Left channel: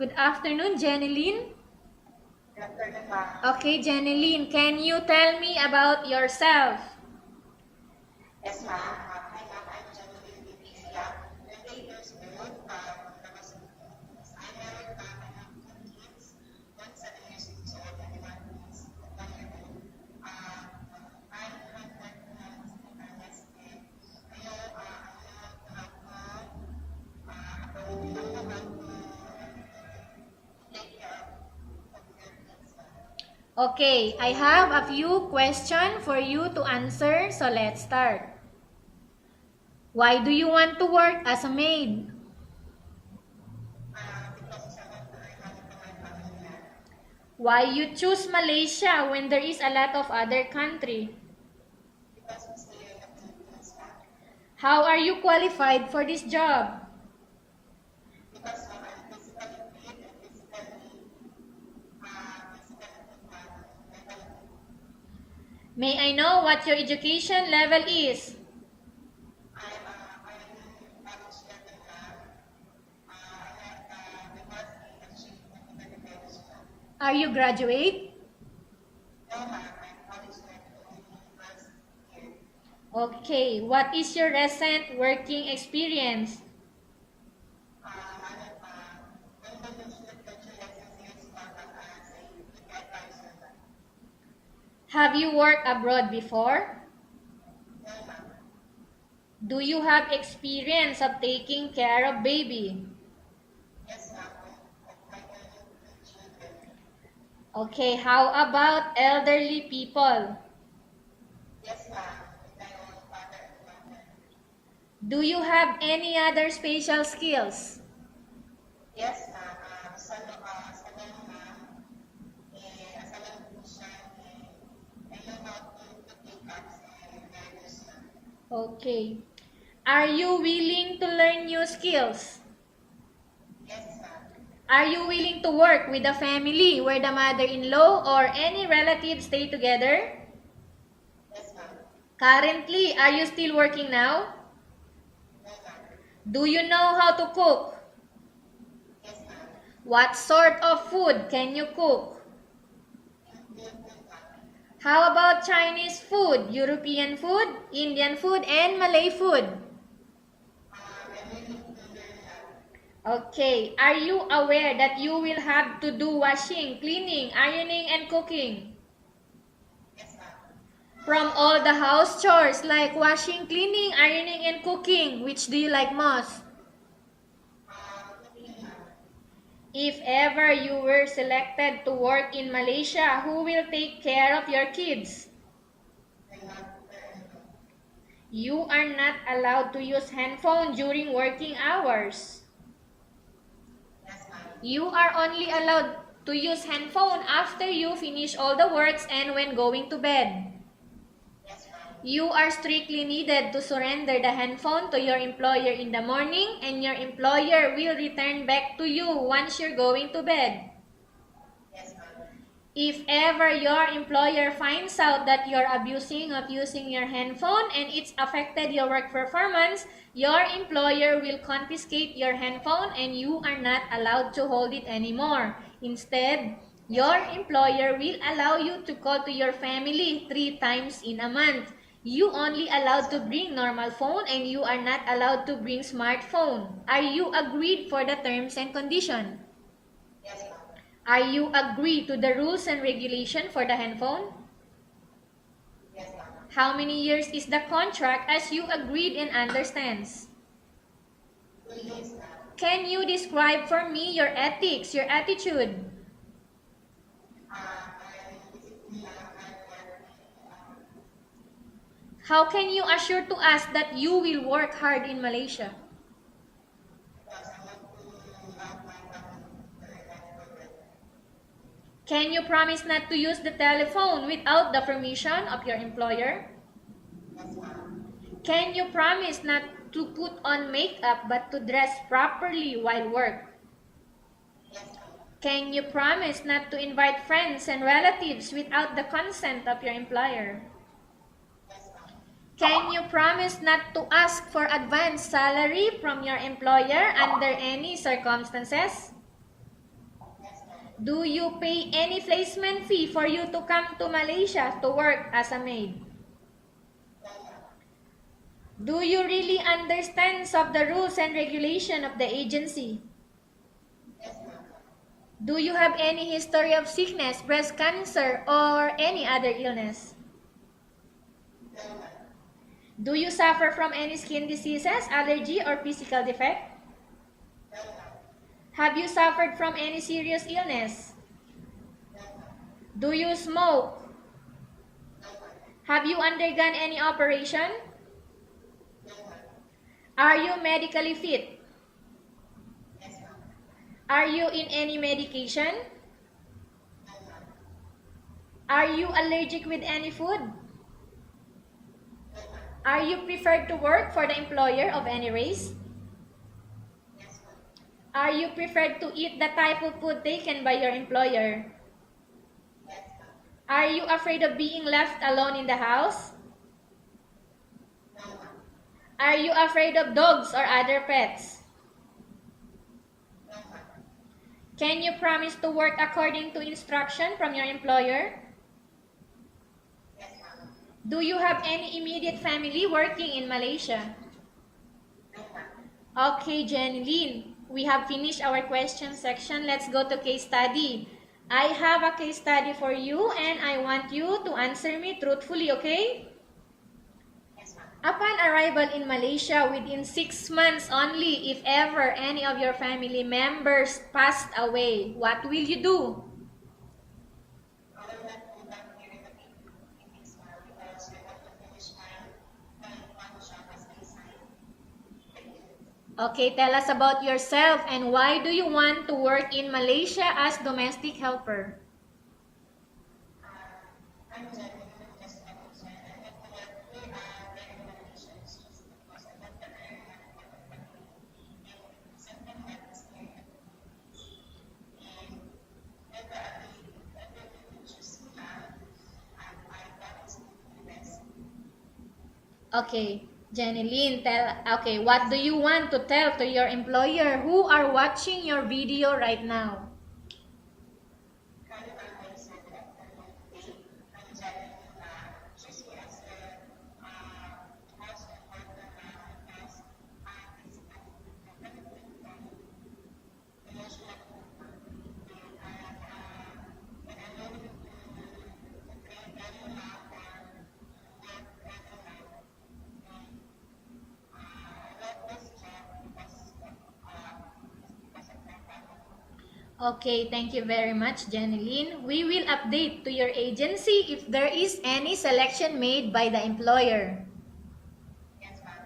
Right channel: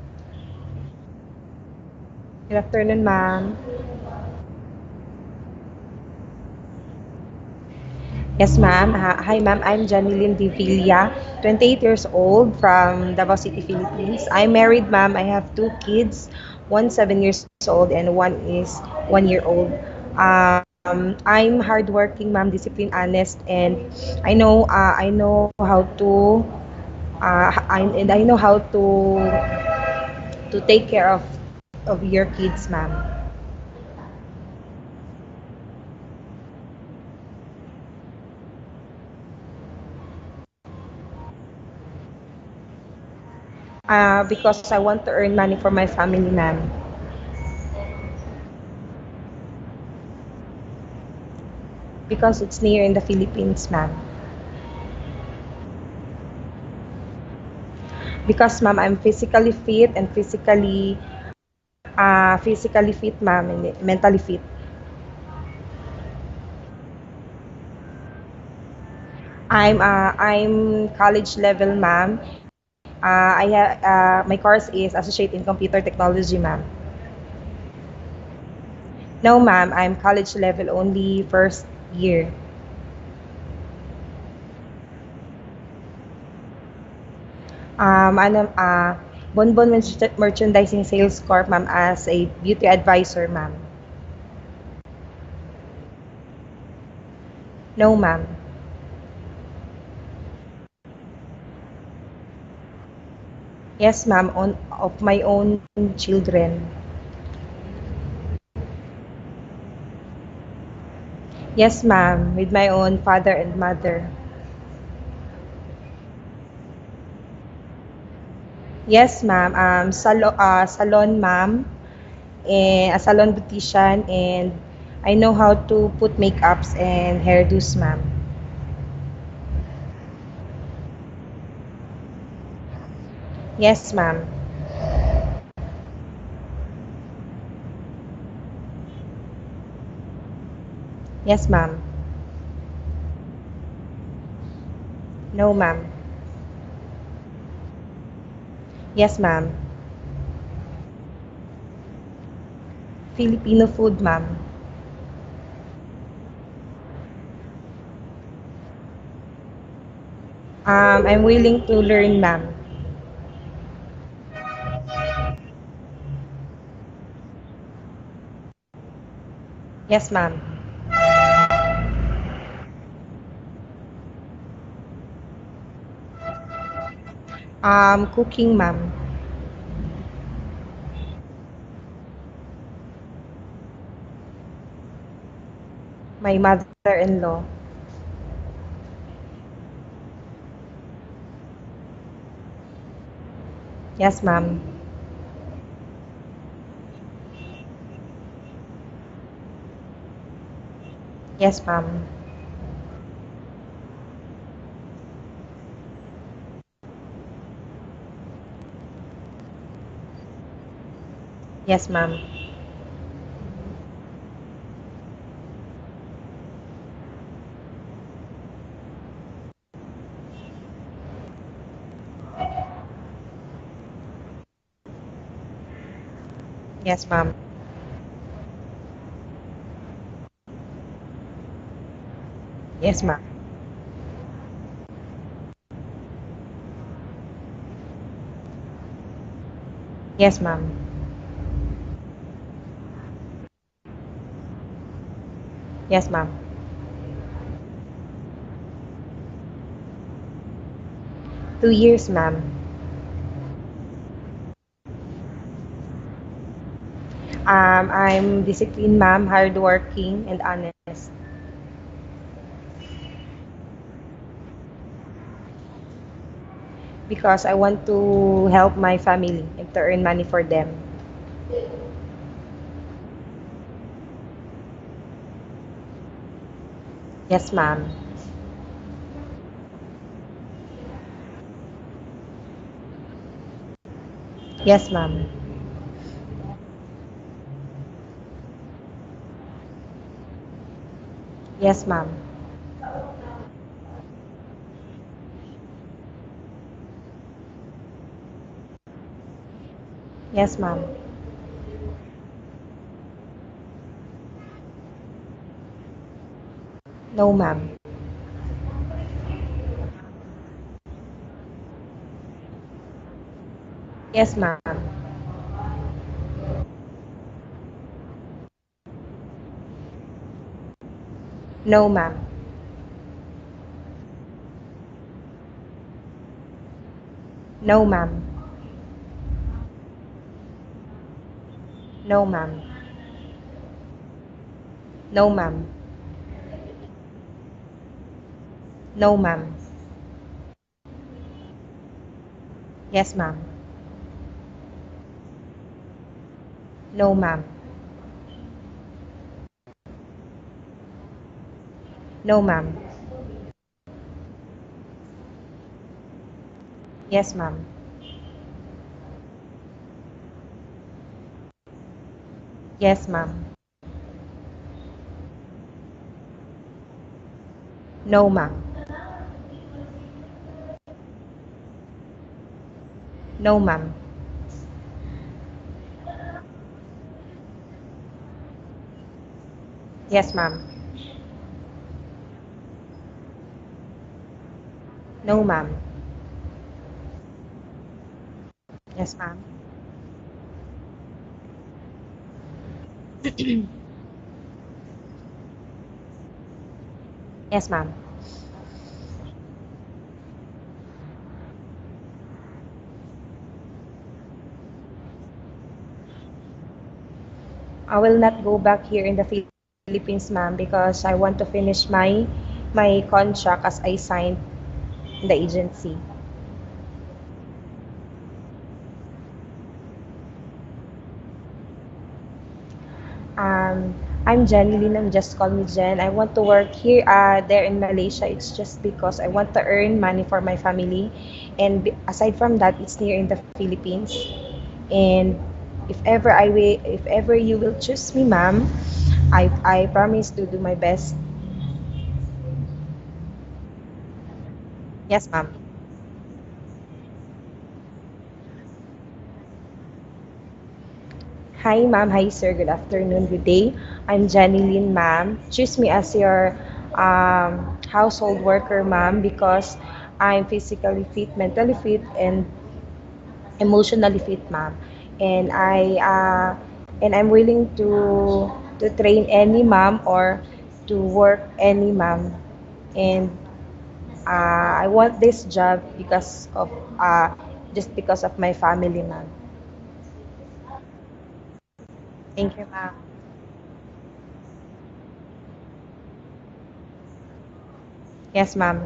Good afternoon, Jennilyn. Good afternoon, ma'am. Okay, Jennilyn, can you tell me about yourself? Yes, ma'am. Hi, ma'am. I'm jennilyn Villa, 28 years old from Davao City, Philippines. I'm married, ma'am. I have two kids, one 7 years old and one is 1 year old. I'm hardworking, ma'am, disciplined, honest, and I know how to I know how to take care of your kids, ma'am. Okay, I have a few questions for you to answer, so let's start. Why do you want to work as a maid? Because I want to earn money for my family, ma'am. Why you choose Malaysia when there is a lot of other country? Because it's near in the Philippines, ma'am. How are you qualified for this job? Because, ma'am, I'm physically fit and physically fit, ma'am, and mentally fit. May I know what your education level is? I'm college level, ma'am. My course is Associate in Computer Technology, ma'am. Are you graduate? No, ma'am, I'm college level only first year. Okay, what is your recent working experience? Ano, Bonbon Merchandising Sales Corp, ma'am, as a beauty advisor, ma'am. Have you worked abroad before? No, ma'am. Do you have experience of taking care of baby? Yes, ma'am, of my own children. Okay, how about elderly people? Yes, ma'am, with my own father and mother. Do you have any other special skills? Yes, ma'am. Salon, ma'am, and a salon beautician, and I know how to put makeups and hairdos, ma'am. Okay. Are you willing to learn new skills? Yes, ma'am. Are you willing to work with a family where the mother-in-law or any relatives stay together? Yes, ma'am. Currently, are you still working now? No, ma'am. Do you know how to cook? Yes, ma'am. What sort of food can you cook? Filipino food, ma'am. How about Chinese food, European food, Indian food, and Malay food? I'm willing to learn, ma'am. Okay, are you aware that you will have to do washing, cleaning, ironing, and cooking? Yes, ma'am. From all the house chores like washing, cleaning, ironing, and cooking, which do you like most? Cooking, ma'am. If ever you were selected to work in Malaysia, who will take care of your kids? My mother-in-law. You are not allowed to use handphone during working hours. Yes, ma'am. You are only allowed to use handphone after you finish all the works and when going to bed. Yes, ma'am. You are strictly needed to surrender the handphone to your employer in the morning and your employer will return back to you once you're going to bed. Yes, ma'am. If ever your employer finds out that you're abusing of using your handphone and it's affected your work performance, your employer will confiscate your handphone and you are not allowed to hold it anymore. Instead, Yes, your ma'am. employer will allow you to call to your family 3 times in a month. You only Yes, allowed to ma'am. bring normal phone and you are not allowed to bring smartphone. Are you agreed for the terms and condition? Yes, ma'am. Are you agree to the rules and regulation for the handphone? Yes, ma'am. How many years is the contract as you agreed and understands? 2 years, ma'am. Can you describe for me your ethics, your attitude? I'm disciplined, ma'am, hardworking, and honest. How can you assure to us that you will work hard in Malaysia? Because I want to help my family and to earn money for them. Can you promise not to use the telephone without the permission of your employer? Yes, ma'am. Can you promise not to put on makeup but to dress properly while work? Yes, ma'am. Can you promise not to invite friends and relatives without the consent of your employer? Yes, ma'am. Can you promise not to ask for advance salary from your employer under any circumstances? Yes, ma'am. Do you pay any placement fee for you to come to Malaysia to work as a maid? No, ma'am. Do you really understand of the rules and regulation of the agency? Yes, ma'am. Do you have any history of sickness, breast cancer, or any other illness? No, ma'am. Do you suffer from any skin diseases, allergy, or physical defect? No, ma'am. Have you suffered from any serious illness? No, ma'am. Do you smoke? No, ma'am. Have you undergone any operation? No, ma'am. Are you medically fit? Yes, ma'am. Are you in any medication? No, ma'am. Are you allergic with any food? No, ma'am. Are you preferred to work for the employer of any race? Yes, ma'am. Are you preferred to eat the type of food taken by your employer? Yes, ma'am. Are you afraid of being left alone in the house? No, ma'am. Are you afraid of dogs or other pets? No, ma'am. Can you promise to work according to instruction from your employer? Yes, ma'am. Do you have any immediate family working in Malaysia? No, ma'am. Okay, Jennilyn, we have finished our question Yes, ma'am. section. Let's go to case study. I have a case study for you and I want you to answer me truthfully, okay? Yes, ma'am. Upon arrival in Malaysia within 6 months only, if ever any of your family members passed away, what will you do? I will not go back here in the Philippines, ma'am, because I want to finish my contract as I signed in the agency. Okay, tell us about yourself and why do you want to work in Malaysia as domestic helper? I'm jennilyn. Just call me Jen. I want to work here, there in Malaysia. It's just because I want to earn money for my family, and aside from that, it's near in the Philippines. And if ever you will choose me, ma'am, I promise to do my best. Okay, Jennilyn, what Yes, do ma'am. you want to tell to your employer who are watching your video right now? Hi, ma'am. Hi, sir. Good afternoon. Good day. I'm Jennilyn, ma'am. Choose me as your household worker, ma'am, because I'm physically fit, mentally fit, and emotionally fit, ma'am. And I'm willing to train any ma'am or to work any ma'am. And I want this job because of just because of my family, ma'am. Okay, thank you very much, Jennilyn. We will Thank you, ma'am. update to your agency if there is any selection made by the employer. Yes, ma'am.